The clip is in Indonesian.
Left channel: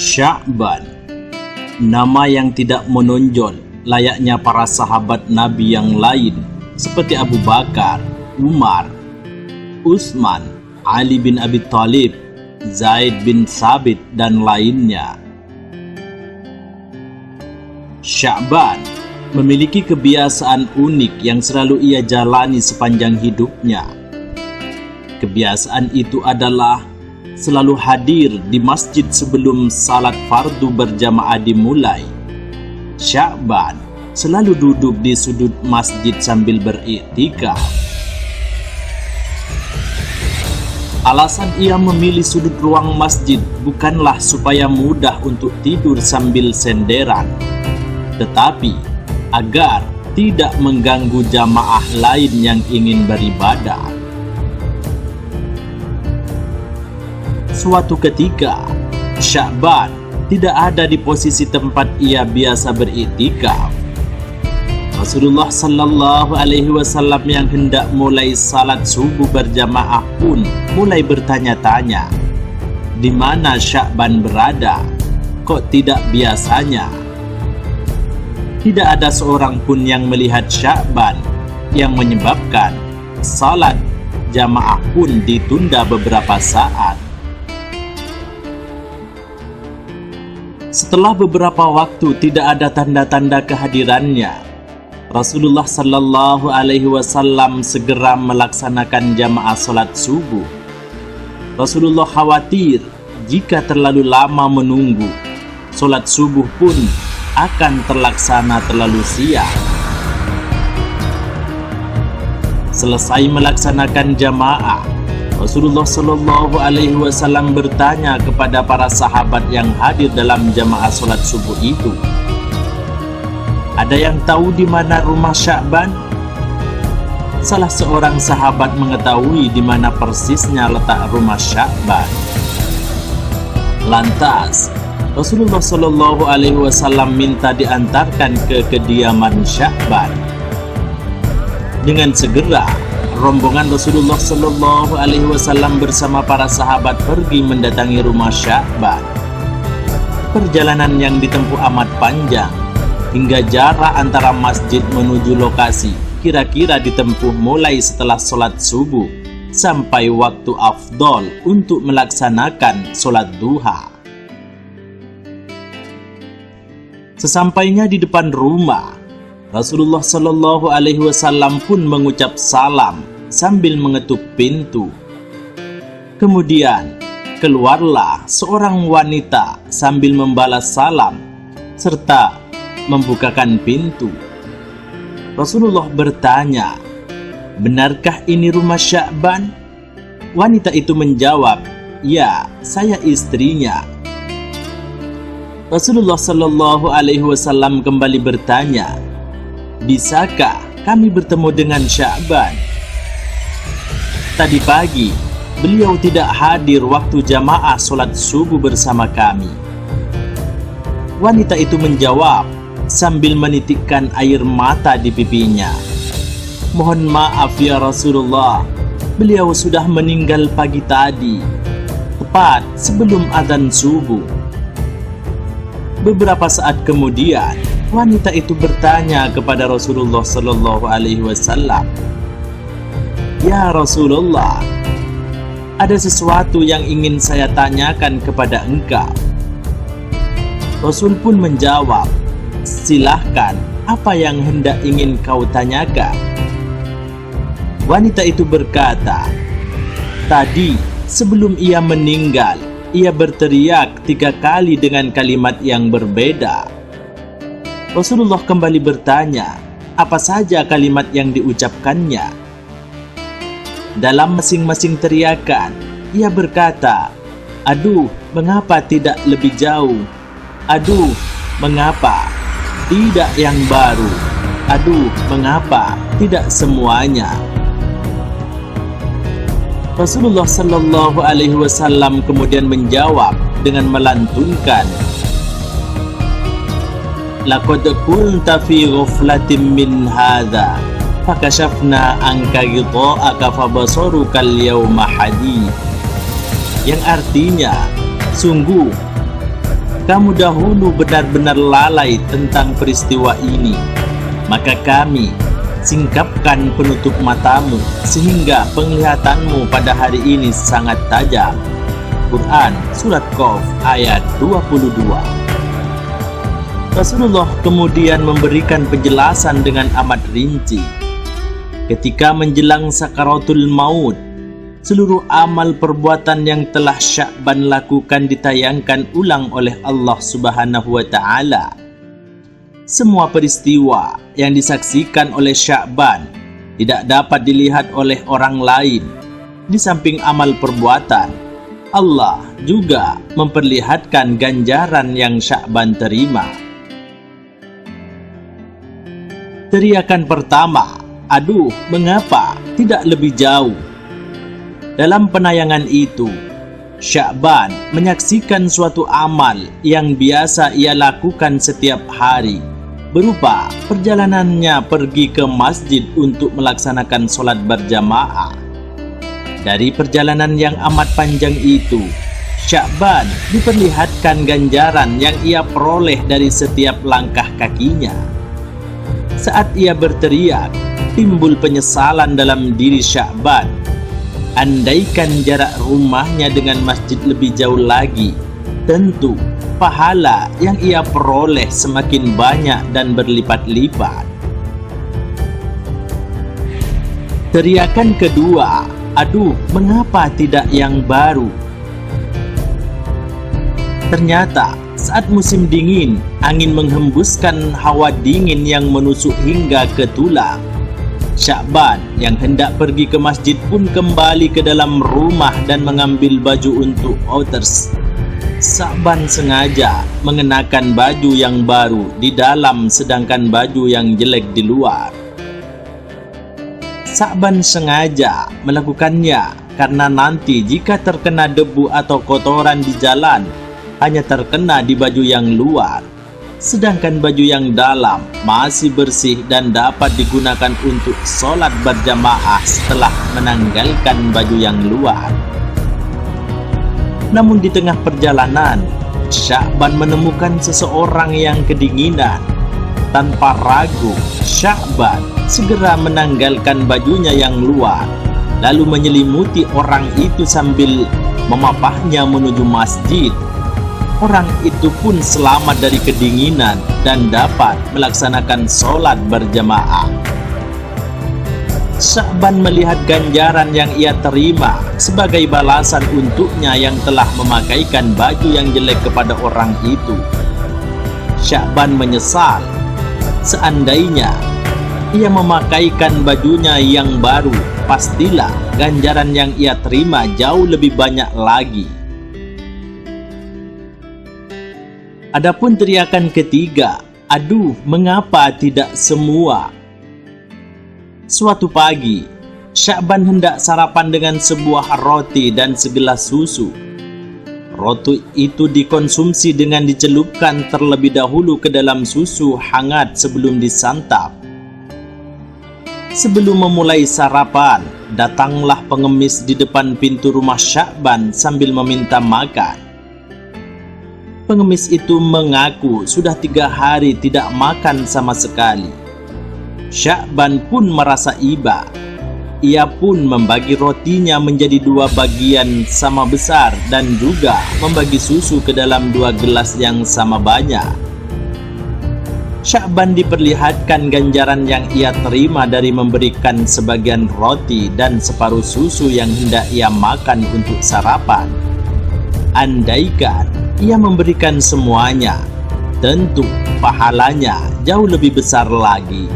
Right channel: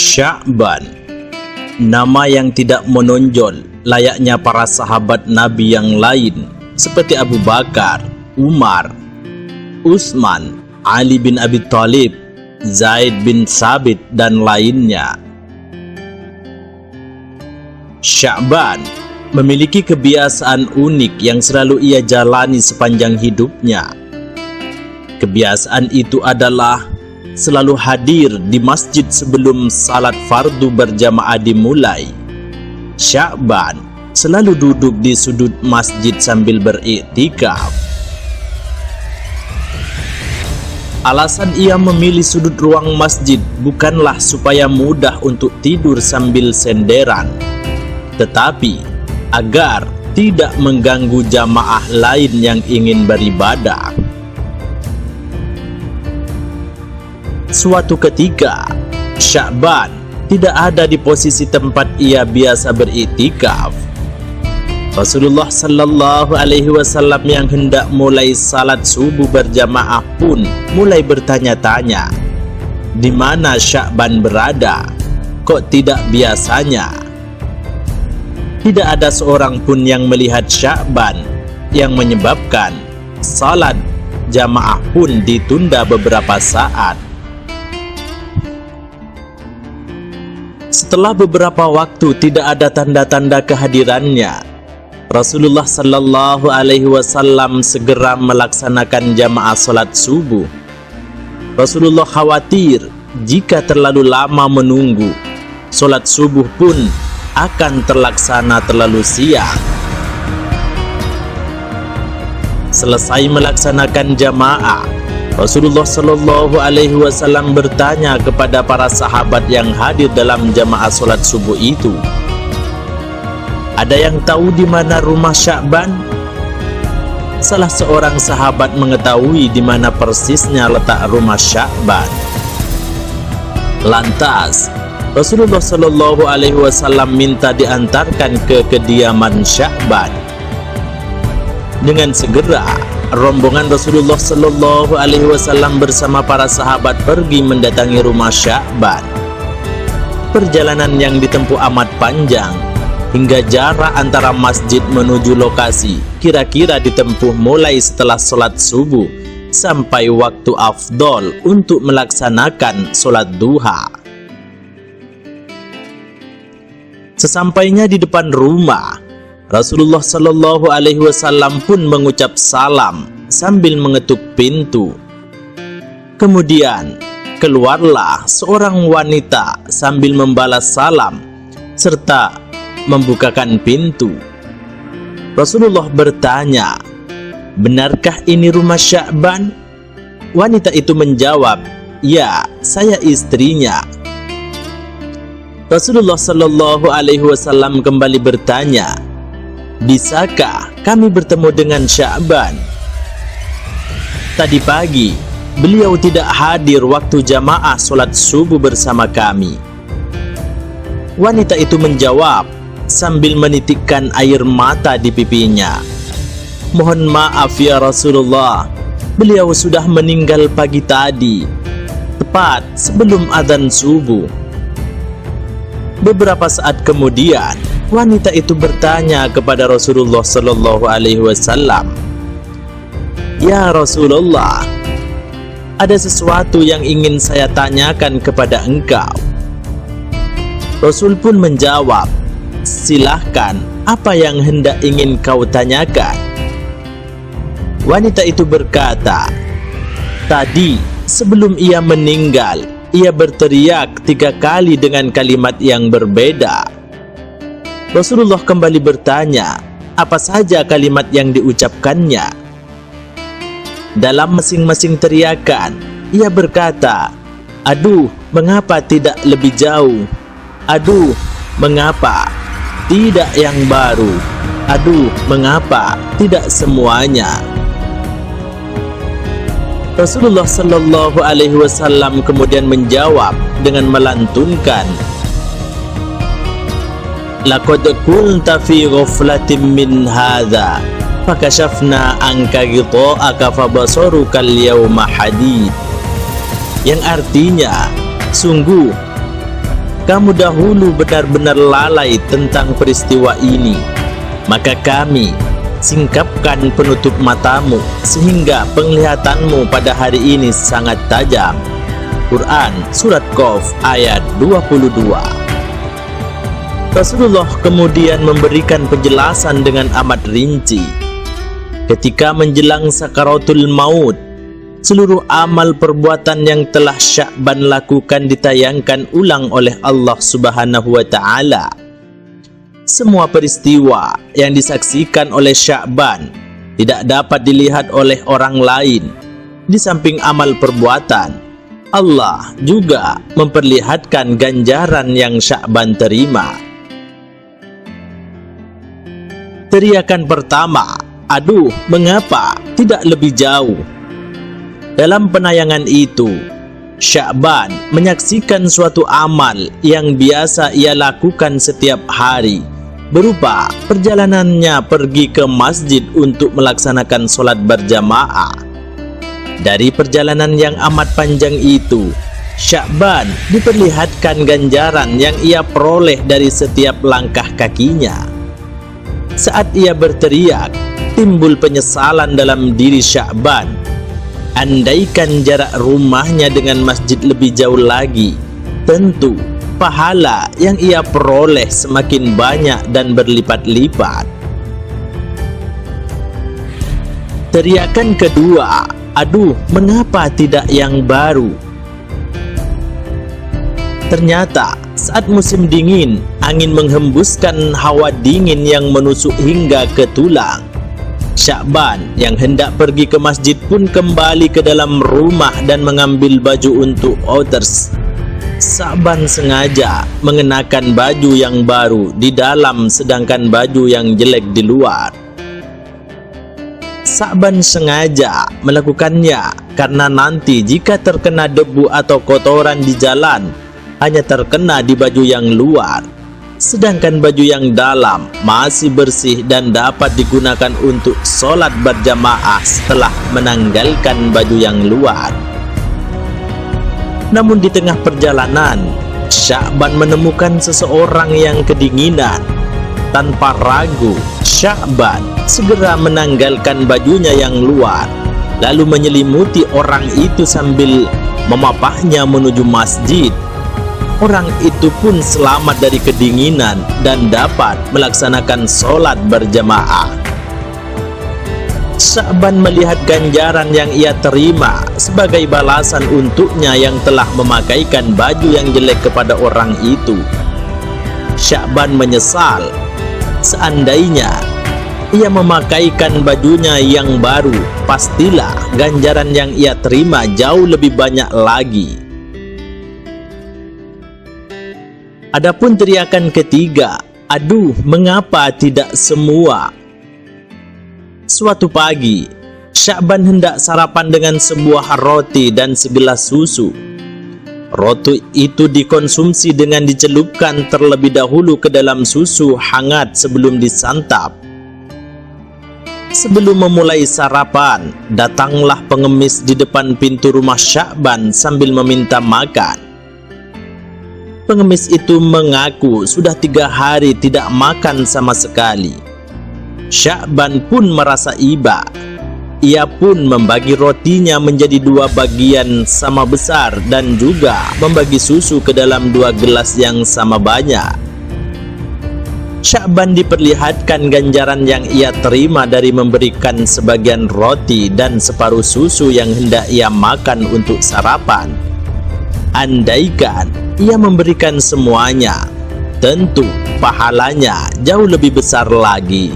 Sya'ban, nama yang tidak menonjol layaknya para sahabat Nabi yang lain seperti Abu Bakar, Umar, Utsman, Ali bin Abi Thalib, Zaid bin Sabit dan lainnya. Sya'ban memiliki kebiasaan unik yang selalu ia jalani sepanjang hidupnya. Kebiasaan itu adalah selalu hadir di masjid sebelum salat fardu berjamaah dimulai. Sya'ban selalu duduk di sudut masjid sambil beriktikaf. Alasan ia memilih sudut ruang masjid bukanlah supaya mudah untuk tidur sambil senderan, tetapi agar tidak mengganggu jamaah lain yang ingin beribadah. Suatu ketika, Sya'ban tidak ada di posisi tempat ia biasa beriktikaf. Rasulullah Sallallahu Alaihi Wasallam yang hendak mulai salat subuh berjamaah pun mulai bertanya-tanya, di mana Sya'ban berada? Kok tidak biasanya? Tidak ada seorang pun yang melihat Sya'ban, yang menyebabkan salat jamaah pun ditunda beberapa saat. Setelah beberapa waktu tidak ada tanda-tanda kehadirannya, Rasulullah Sallallahu Alaihi Wasallam segera melaksanakan jamaah salat subuh. Rasulullah khawatir jika terlalu lama menunggu, salat subuh pun akan terlaksana terlalu siang. Selesai melaksanakan jamaah, Rasulullah Shallallahu Alaihi Wasallam bertanya kepada para sahabat yang hadir dalam jamaah salat subuh itu, ada yang tahu di mana rumah Sya'ban? Salah seorang sahabat mengetahui di mana persisnya letak rumah Sya'ban. Lantas Rasulullah Shallallahu Alaihi Wasallam minta diantarkan ke kediaman Sya'ban. Dengan segera rombongan Rasulullah Shallallahu Alaihi Wasallam bersama para sahabat pergi mendatangi rumah Sya'ban. Perjalanan yang ditempuh amat panjang, hingga jarak antara masjid menuju lokasi kira-kira ditempuh mulai setelah sholat subuh sampai waktu afdol untuk melaksanakan sholat duha. Sesampainya di depan rumah, Rasulullah Shallallahu Alaihi Wasallam pun mengucap salam sambil mengetuk pintu. Kemudian keluarlah seorang wanita sambil membalas salam serta membukakan pintu. Rasulullah bertanya, benarkah ini rumah Sya'ban? Wanita itu menjawab, ya, saya istrinya. Rasulullah Shallallahu Alaihi Wasallam kembali bertanya, bisakah kami bertemu dengan Sya'ban? Tadi pagi beliau tidak hadir waktu jamaah sholat subuh bersama kami. Wanita itu menjawab sambil menitikkan air mata di pipinya, mohon maaf ya Rasulullah, beliau sudah meninggal pagi tadi, tepat sebelum azan subuh. Beberapa saat kemudian, wanita itu bertanya kepada Rasulullah Sallallahu Alaihi Wasallam, ya Rasulullah, ada sesuatu yang ingin saya tanyakan kepada engkau. Rasul pun menjawab, silahkan, apa yang hendak ingin kau tanyakan? Wanita itu berkata, tadi sebelum ia meninggal, ia berteriak 3 kali dengan kalimat yang berbeda. Rasulullah kembali bertanya, apa saja kalimat yang diucapkannya? Dalam masing-masing teriakan, ia berkata, aduh, mengapa tidak lebih jauh? Aduh, mengapa tidak yang baru? Aduh, mengapa tidak semuanya? Rasulullah Sallallahu Alaihi Wasallam kemudian menjawab dengan melantunkan, laqad kunta fi ghaflatin min hadza fakashafna anka ghita'aka fabasaruka al-yawma hadid, yang artinya, sungguh kamu dahulu benar-benar lalai tentang peristiwa ini, maka kami singkapkan penutup matamu sehingga penglihatanmu pada hari ini sangat tajam. Quran Surat Qaf ayat 22. Rasulullah kemudian memberikan penjelasan dengan amat rinci. Ketika menjelang sakaratul maut, seluruh amal perbuatan yang telah Sya'ban lakukan ditayangkan ulang oleh Allah Subhanahu wa Ta'ala. Semua peristiwa yang disaksikan oleh Sya'ban tidak dapat dilihat oleh orang lain. Di samping amal perbuatan, Allah juga memperlihatkan ganjaran yang Sya'ban terima. Teriakan pertama, "Aduh, mengapa tidak lebih jauh?" Dalam penayangan itu, Sya'ban menyaksikan suatu amal yang biasa ia lakukan setiap hari, berupa perjalanannya pergi ke masjid untuk melaksanakan sholat berjamaah. Dari perjalanan yang amat panjang itu, Sya'ban diperlihatkan ganjaran yang ia peroleh dari setiap langkah kakinya. Saat ia berteriak, timbul penyesalan dalam diri Sya'ban. Andaikan jarak rumahnya dengan masjid lebih jauh lagi, tentu pahala yang ia peroleh semakin banyak dan berlipat-lipat. Teriakan kedua, "Aduh, mengapa tidak yang baru?" Ternyata saat musim dingin, angin menghembuskan hawa dingin yang menusuk hingga ke tulang. Sya'ban yang hendak pergi ke masjid pun kembali ke dalam rumah dan mengambil baju untuk outers. Sya'ban sengaja mengenakan baju yang baru di dalam sedangkan baju yang jelek di luar. Sya'ban sengaja melakukannya karena nanti jika terkena debu atau kotoran di jalan, hanya terkena di baju yang luar, sedangkan baju yang dalam masih bersih dan dapat digunakan untuk sholat berjamaah setelah menanggalkan baju yang luar. Namun di tengah perjalanan, Sya'ban menemukan seseorang yang kedinginan. Tanpa ragu, Sya'ban segera menanggalkan bajunya yang luar, lalu menyelimuti orang itu sambil memapahnya menuju masjid. Orang itu pun selamat dari kedinginan dan dapat melaksanakan sholat berjamaah. Sya'ban melihat ganjaran yang ia terima sebagai balasan untuknya yang telah memakaikan baju yang jelek kepada orang itu. Sya'ban menyesal. Seandainya ia memakaikan bajunya yang baru, pastilah ganjaran yang ia terima jauh lebih banyak lagi. Adapun teriakan ketiga, "Aduh, mengapa tidak semua?" Suatu pagi, Sya'ban hendak sarapan dengan sebuah roti dan segelas susu. Roti itu dikonsumsi dengan dicelupkan terlebih dahulu ke dalam susu hangat sebelum disantap. Sebelum memulai sarapan, datanglah pengemis di depan pintu rumah Sya'ban sambil meminta makan. Pengemis itu mengaku sudah 3 hari tidak makan sama sekali. Sya'ban pun merasa iba. Ia pun membagi rotinya menjadi 2 bagian sama besar dan juga membagi susu ke dalam 2 gelas yang sama banyak. Sya'ban diperlihatkan ganjaran yang ia terima dari memberikan sebagian roti dan separuh susu yang hendak ia makan untuk sarapan. Andaikan ia memberikan semuanya, tentu pahalanya jauh lebih besar lagi.